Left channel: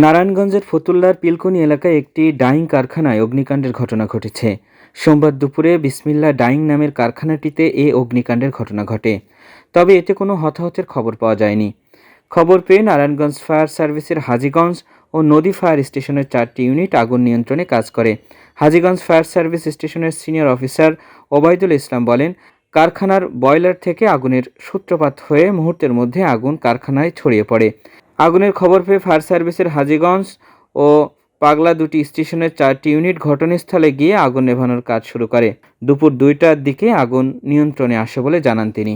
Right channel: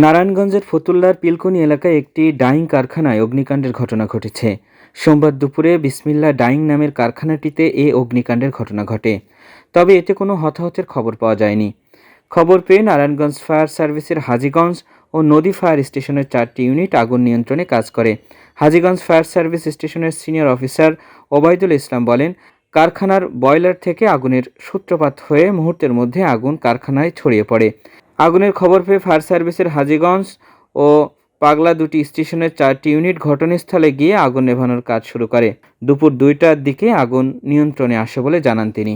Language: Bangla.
নারায়ণগঞ্জের ফতুল্লার পিলকুনি এলাকায় একটি ডাইং কারখানায় অগ্নিকাণ্ডের ঘটনা ঘটেছে। সোমবার দুপুরে বিসমিল্লাহ ডাইং নামের কারখানাটিতে এ অগ্নিকাণ্ডের ঘটনা ঘটে। তবে এতে কোনো হতাহতের খবর পাওয়া যায়নি। খবর পেয়ে নারায়ণগঞ্জ ফায়ার সার্ভিসের হাজীগঞ্জ ও নদী ফায়ার স্টেশনের 4টি ইউনিট আগুন নিয়ন্ত্রণে কাজ করে। হাজীগঞ্জ ফায়ার সার্ভিস স্টেশনের সিনিয়র অফিসার ওবায়দুল ইসলাম বলেন, কারখানার বয়লার থেকে আগুনের সূত্রপাত হয়ে মুহূর্তের মধ্যে আগুন কারখানায় ছড়িয়ে পড়ে। আগুনের খবর পেয়ে ফায়ার সার্ভিসের হাজীগঞ্জ ও পাগলা দুটি স্টেশনের 4টি ইউনিট ঘটনাস্থলে গিয়ে আগুন নেভানোর কাজ শুরু করে। দুপুর 2টার দিকে আগুন নিয়ন্ত্রণে আসে বলে জানান তিনি।